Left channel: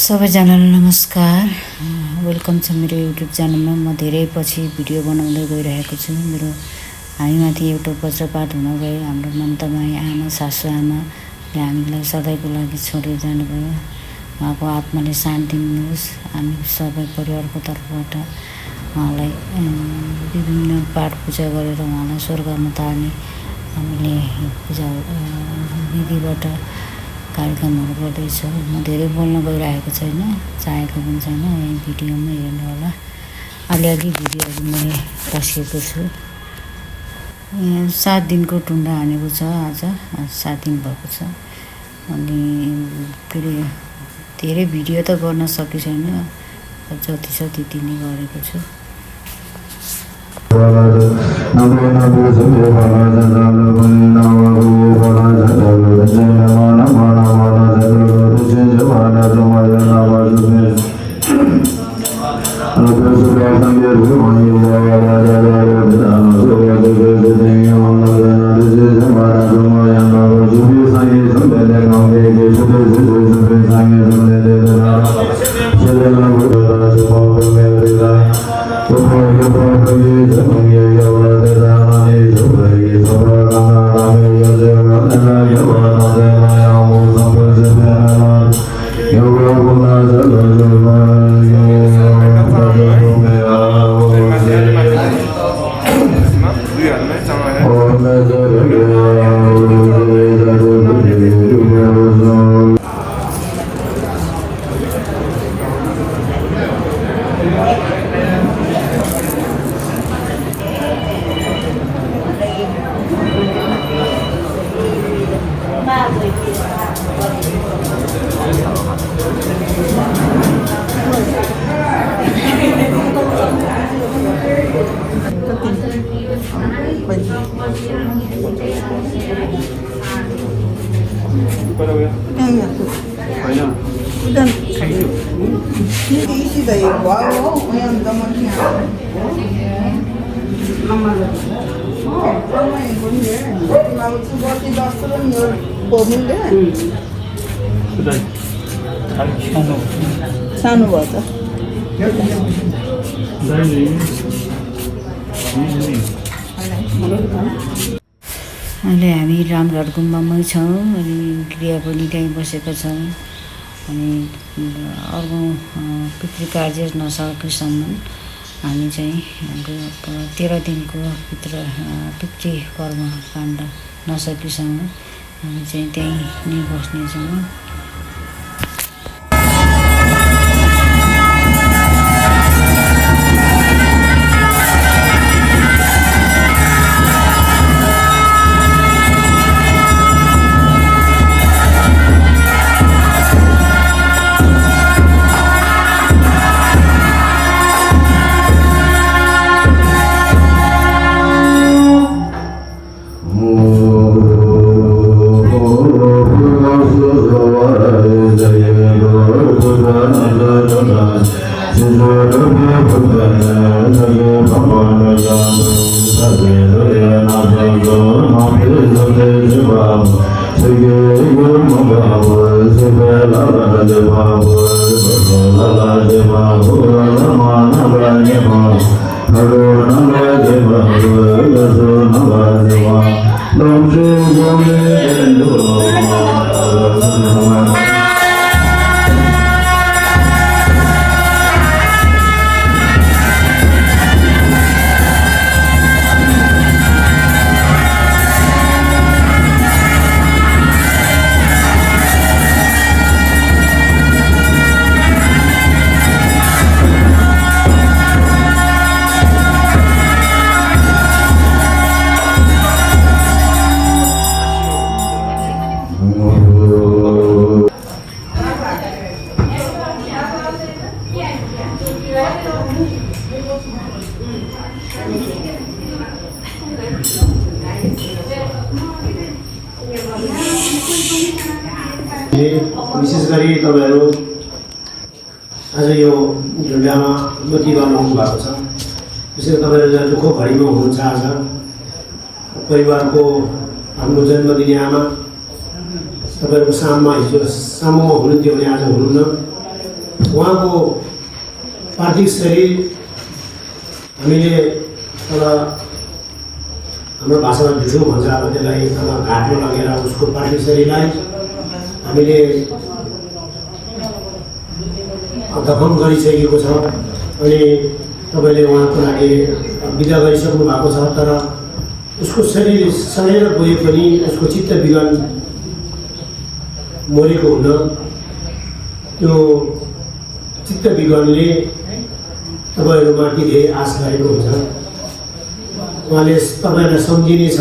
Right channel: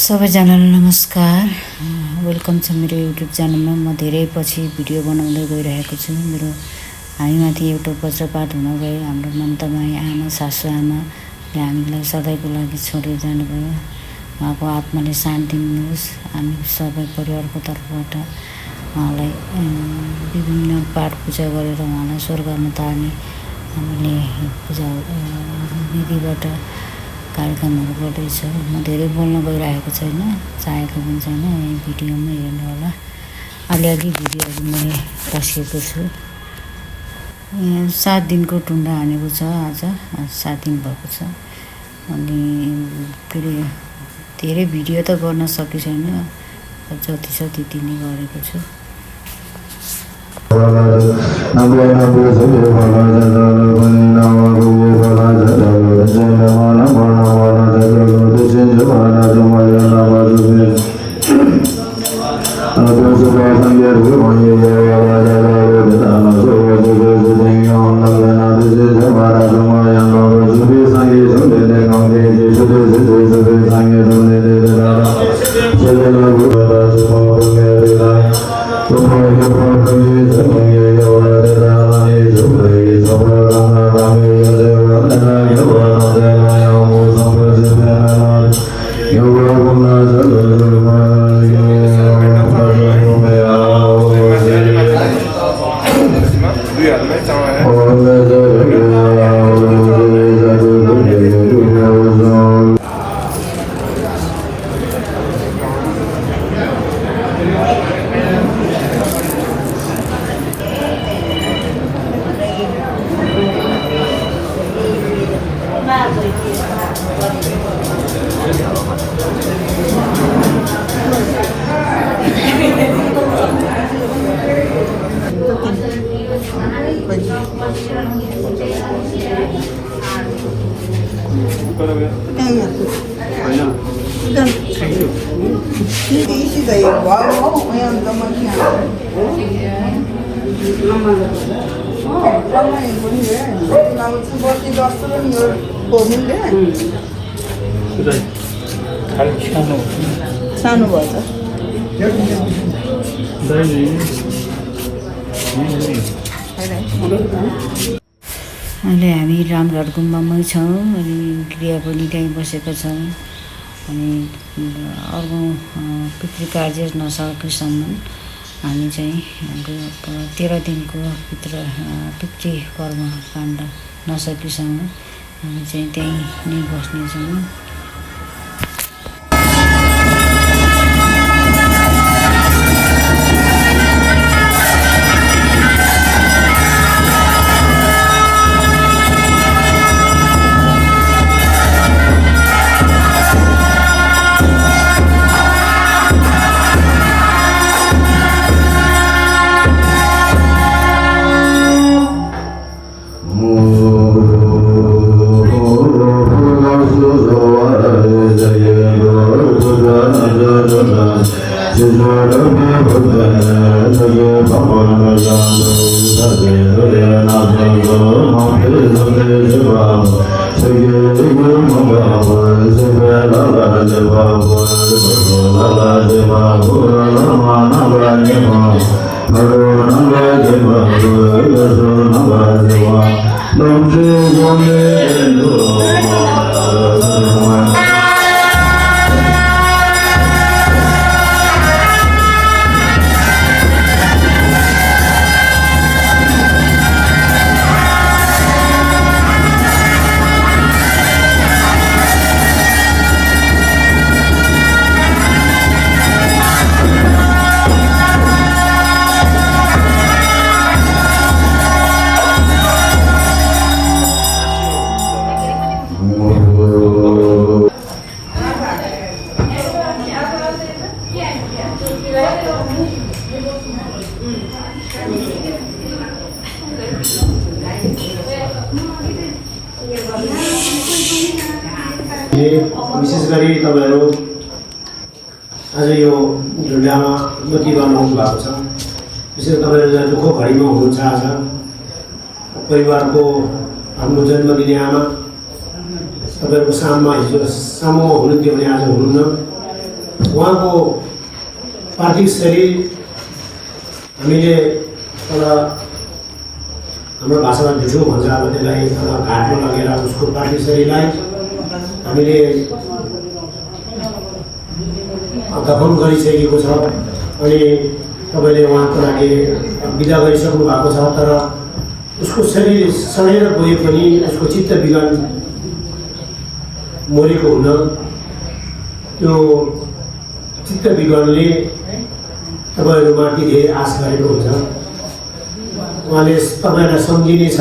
सबैजनालाई नमस्कार। वेलकम छ मेरो युट्युब च्यानलमा। म धेरै पछि भिडियो बनाउँदै गइरहेको छु। हामीमाथि एउटा वज्रपात हुन गयो। हाम्रो ममता माई आमा, सासू आमाले हामीलाई सधैँको लागि छोडेर जानुभयो। उहाँको आत्माले शान्ति दिनुहोस्। हामी सबै परिवारको तर्फबाट उहाँलाई विभिन्न पाठ पूजा गरेर उहाँलाई स्वर्गमा तार्ने हामीले पूजा विधिबाट कार्यक्रमहरू गर्दैछ। म धेरै बोल्न गइरहेको छैन, चाहेको पनि छैन। यही भिडियोमा हेर्नु होला। अलिअलि भिडियोहरू मैले पस्केको छु। 7 दिनको टुण्डा हानेको छ। आज 7 दिन भएको छ। अनि के अरे धेरै भिडियो त गर्न सकेको छैन, जति छ त्यति नै गरेको छु। सानो भन्छ अहिले हामी रामघाट गुम्बामै छौँ। अनि क्रिया पनि त्यहीँ बसेका छौँ। अनि अर्को पितृकार्य नसकेसम्म हामी चाहिँ 13 दिनको पितृ कर्मकाण्ड नसकेसम्म हामी चाहिँ त्यहीँ नै बस्नेछौँ। विशेष गरी तपाईँहरू आज यो ढुङ्गामा गति गर्नु भएको छ। विशेष तपाईँहरू जहाँ दुःख घडीमा हुनुहुन्छ। आज परिवारको हाम्रो जन्मदिने आमा तपाईँहरूको साममा हिजो सामुमा हुनुहुन्थ्यो भने आज हुनुहुन्न। उहाँको पार्थिव शरीर हामीले तल हाम्रो भाषामा झुसो भन्छ अब त्यसलाई घाटमा लगेर उसको पार्थिव शरीरलाई हामीले दफन गरिसकेको छ अनि तपाईँले उहाँको लागि विदा गरिसक्नु भएको छ। तर उसको शरीर सडेर गए पनि उसको चित्त विज्ञान मरेको हुन त्यो चित्त विज्ञानले तपाईँहरूमाथि धेरै आश गरेको हुन्छ। उहाँले तपाईँहरूलाई सम्झिने छ,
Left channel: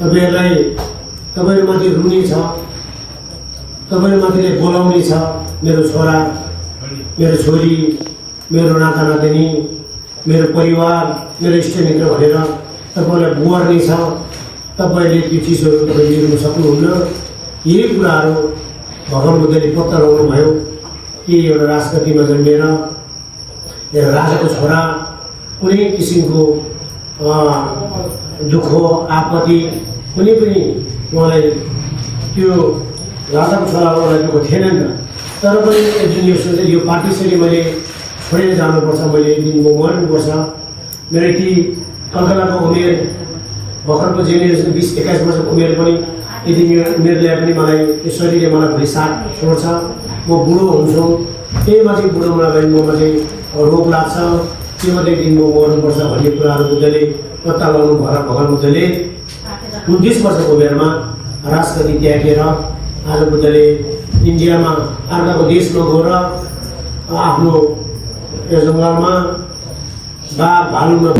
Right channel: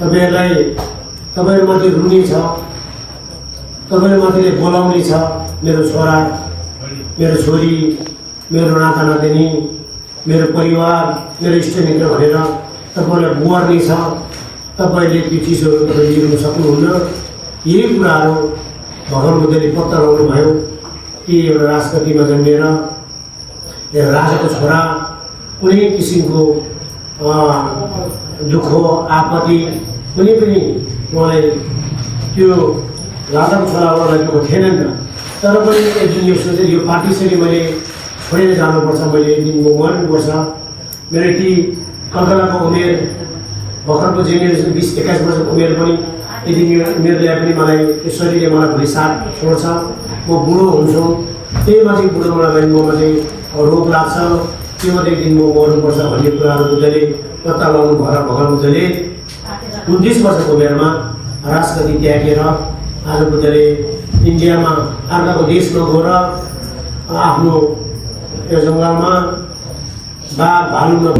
तपाईँहरूमाथि रुने छ, तपाईँहरूमाथिले बोलाउने छ, मेरो छोरा, मेरो छोरी, मेरो नाता नातिनी, मेरो परिवार, मेरो इष्टमित्र भनेर तपाईँलाई बुहार्ने छ। तपाईँले त्यो चिजहरू तपाईँले लिनु सक्नुहुन्न। यही कुराहरू भगवान बुद्धले पत्ता लगाउनु भयो कि एउटा राजगतिमा जन्मेर राजाको छोरा कुनै किसिमको दुःख आपत्ति कुनै पनि उहाँलाई त्यो राजाको छोरालाई दुःख थिएन नि त। तर पनि एक दिन यो सोचेँ यो पार्टीसरी मैले छोडेर जानुपर्छ, मैले एक दिन म मर्नुपर्छ। मेरो यति कल्पनाको उमेर भर्खरको जेनेरेसन 20-21 वर्षको उमेर पनि यदि यो उमेरले पनि मलाई ईश्वरीले मलाई भोलि साथ छोड्छ, म बुढो हुन्छु, त्यही माथि बुढो मलाई ममा चाहिँ रोग लाग्छ, त्यो मात्रै दिन म मर्नुपर्छ भन्ने कुराहरू बुद्धले पत्ता लगाउनु भएर भगवान बुद्धले 29 वर्षको उमेरमा राजगति त्यागेर आज बुद्धले इन्डियामा अर्काको देशमा गएर आफ्नो यो जङ्गलमा बाघ भालुमा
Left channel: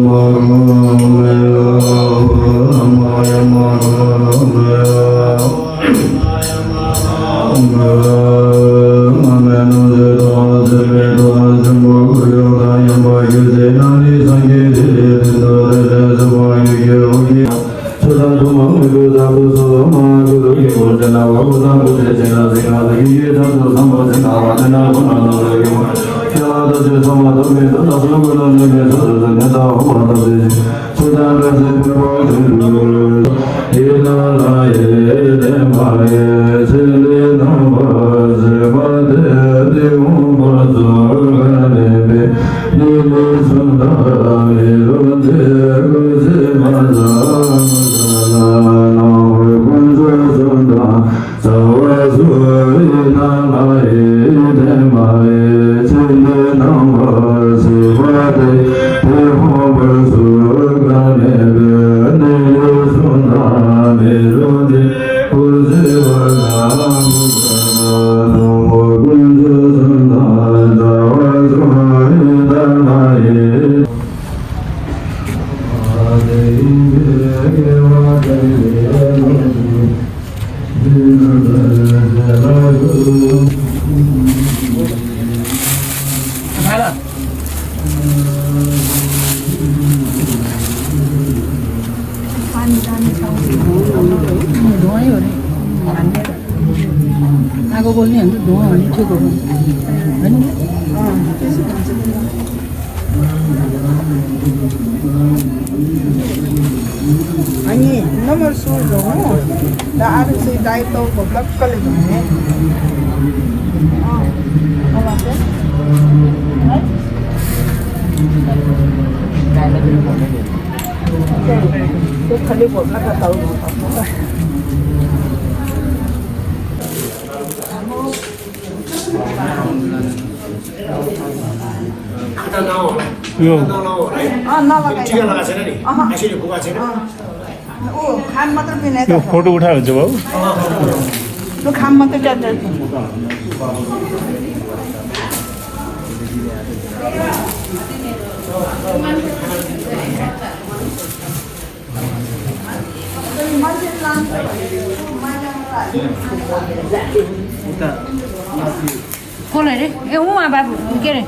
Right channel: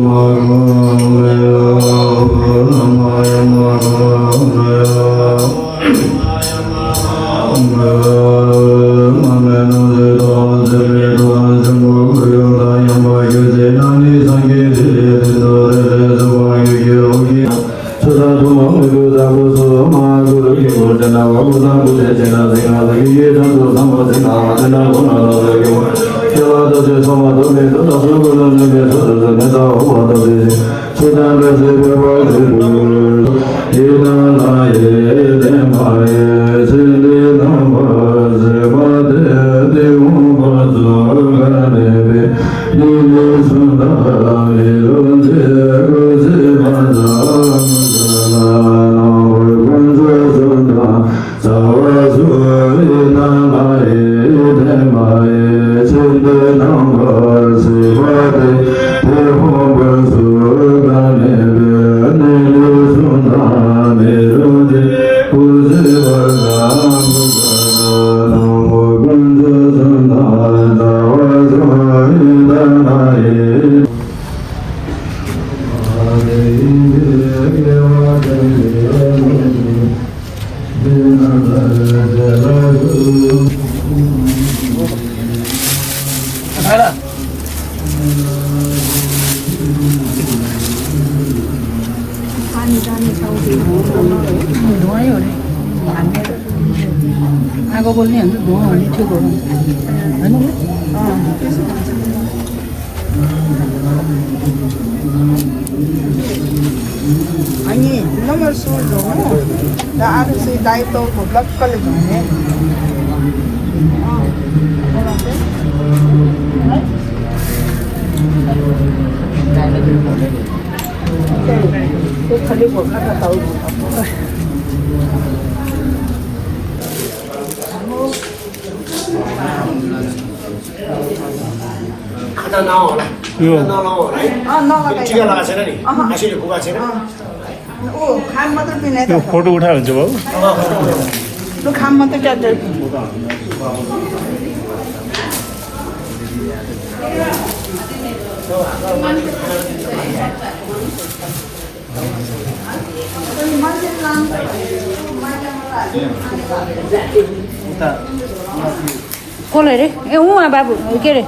आगो बोल्ने हामी भयो भने ठिक हो होइन अनि नगर सुरु हो र आरो चाहिँ दाइतो को ब्लकले भने खाली भोका त पाउ खाना नहोला नलाउँ है टिका लगाएको छैन नि आशीले पुगाएको छैन ओ खाम मात्र किने यो फोटो उठाएर हुन्छ बाबु त्यो खाम मात्र ज्यादै कसलाई रे ए उहाँ बाबु के अरे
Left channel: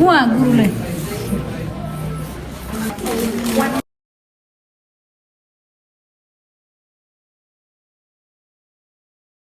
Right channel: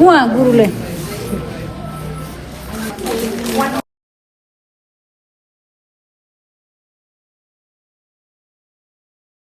उहाँ गुरुले